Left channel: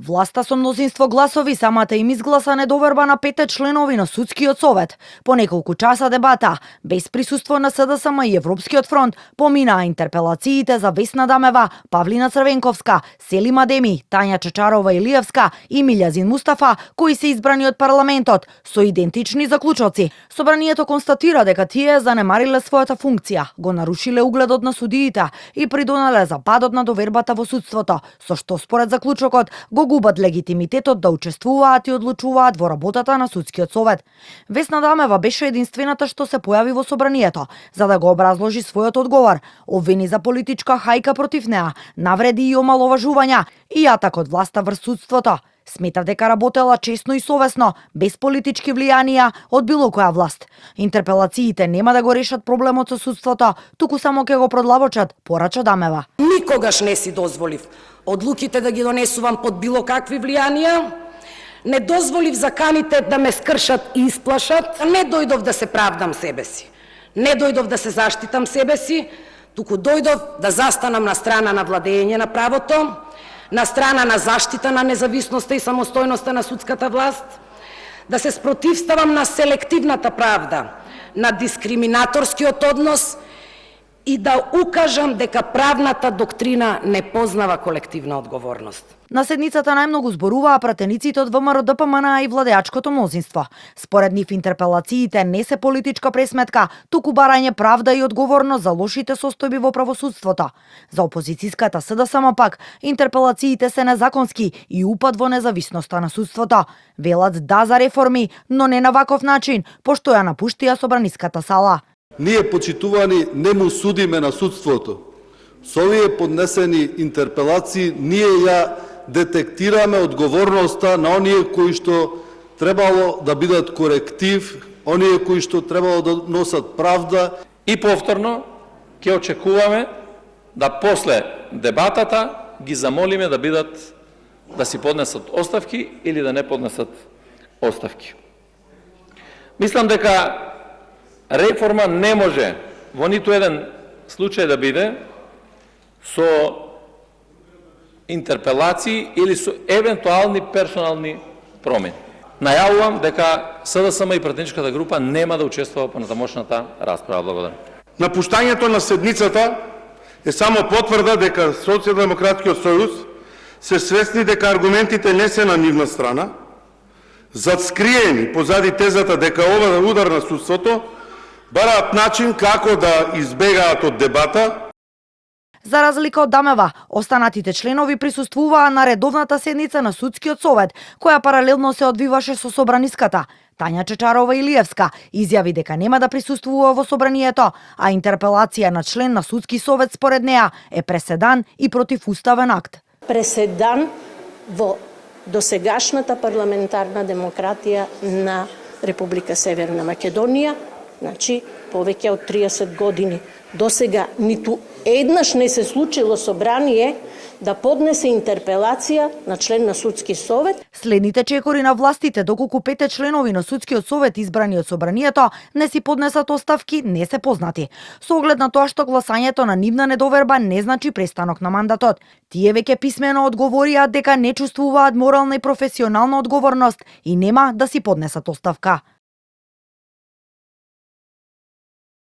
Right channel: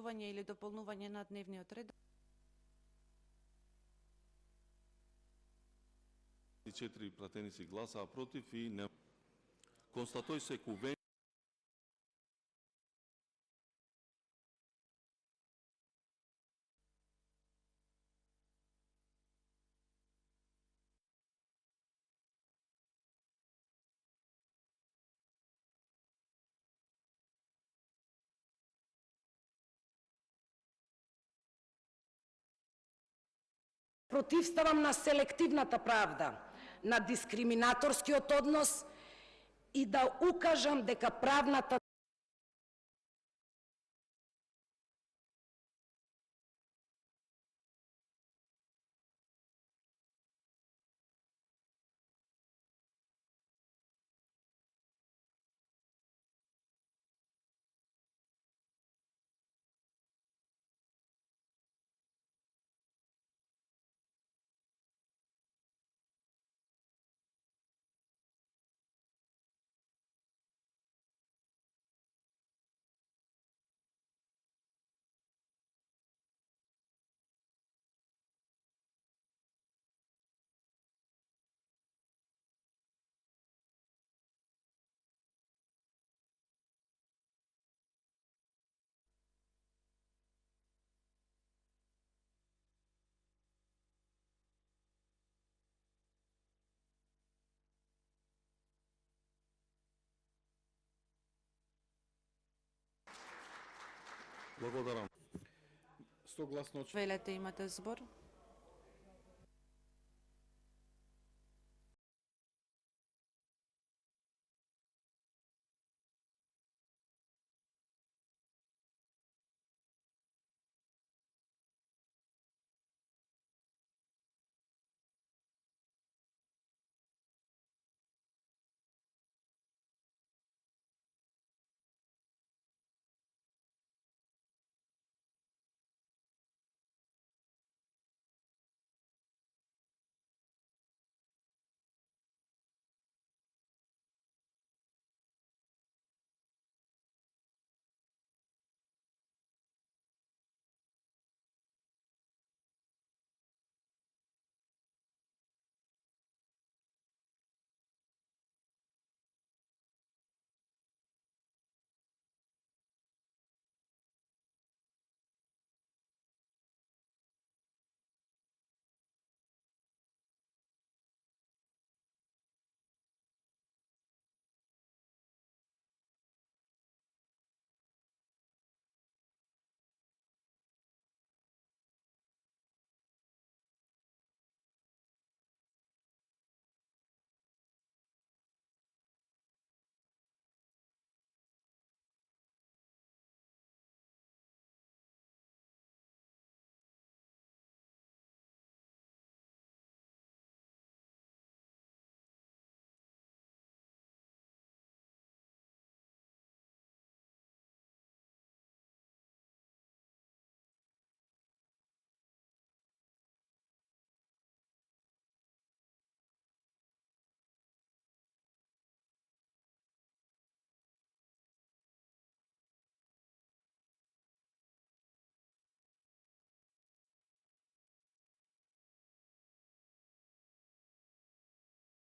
Власта со мнозинство гласови самата им изгласа недоверба на 5 членови на Судскиот совет. По неколку часа дебата, без присуство на СДСМ и Европскиот фронт, поминаа интерпелациите за Весна Дамева, Павлина Црвенковска, Селим Адеми, Тања Чачарова Илиевска и Милјазин Мустафа, кои се избрани од парламентот, со идентични заклучоци. Собранието констатира дека тие занемариле својата функција, го нарушиле угледот на судиите и придонале за падот на довербата во судството, со што според заклучокот го губат легитимитетот да учествуваат и одлучуваат во работата на Судскиот совет. Весна Дамева беше единствената што се појави во собранието, за да го образложи својот одговор, обвини за политичка хајка против неа, навреди и омаловажувања и атак од власта врз судството. Сметав дека работела честно и совесно, без политички влијанија од било која власт. Интерпелациите нема да го решат проблемот со судството, туку само ќе го продлабочат, порача Дамева. Никогаш не си дозволив одлуките да ги донесувам под било какви влијанија. Не дозволив заканите да ме скршат и исплашат. Не дојдов да се правдам себе си. Не дојдов да се заштитам себе си, туку дојдов да застанам на страна на владење на правото, на страна на заштита на независноста и самостојноста на судската власт, да се спротивставам на селективната правда, на дискриминаторскиот однос и да укажам дека правната доктрина не познава колективна одговорност. На седницата најмногу зборуваа пратениците од ВМРО ДПМН и владеачкото мнозинство. Според нив интерпелациите не се политичка пресметка, туку барање правда и одговорност за лошите состојби во правосудството. За опозицијската СДСМ пак, интерпелациите се незаконски и упад во независноста на судството. Велат да за реформи, но не на ваков начин, пошто ја напуштија собраниската сала. Ние, почитувани, не му судиме на судството. Со овие поднесени интерпелации ние ја детектираме одговорноста на оние кои што требало да бидат коректив, оние кои што требало да носат правда. И повторно ќе очекуваме да после дебатата ги замолиме да си поднесат оставки или да не поднесат оставки. Мислам дека реформа не може во ниту еден случај да биде со интерпелации или со евентуални персонални промени. Најавувам дека СДСМ и пратеничката група нема да учествува по натамошната расправа. Благодарам. Напуштањето на седницата е само потврда дека Социјалдемократскиот сојуз се свесни дека аргументите не се на нивна страна, зад-скриени позади тезата дека ова удар на судството, бараат начин како да избегаат од дебата. За разлика од Дамева, останатите членови присуствуваа на редовната седница на Судскиот совет, која паралелно се одвиваше со собраниската. Тања Чачарова Илиевска изјави дека нема да присуствува во собранието, а интерпелација на член на Судски совет според неа е преседан и противуставен акт. Преседан во досегашната парламентарна демократија на Република Северна Македонија, значи повеќе од 30 години. Досега ниту еднаш не се случило собрание да поднесе интерпелација на член на Судски совет. Следните чекори на властите, доколку 5 членови на Судскиот совет избрани од собранието не си поднесат оставки, не се познати. Со оглед на тоа што гласањето на нивна недоверба не значи престанок на мандатот. Тие веќе писмено одговорија дека не чувствуваат морална и професионална одговорност и нема да си поднесат оставка.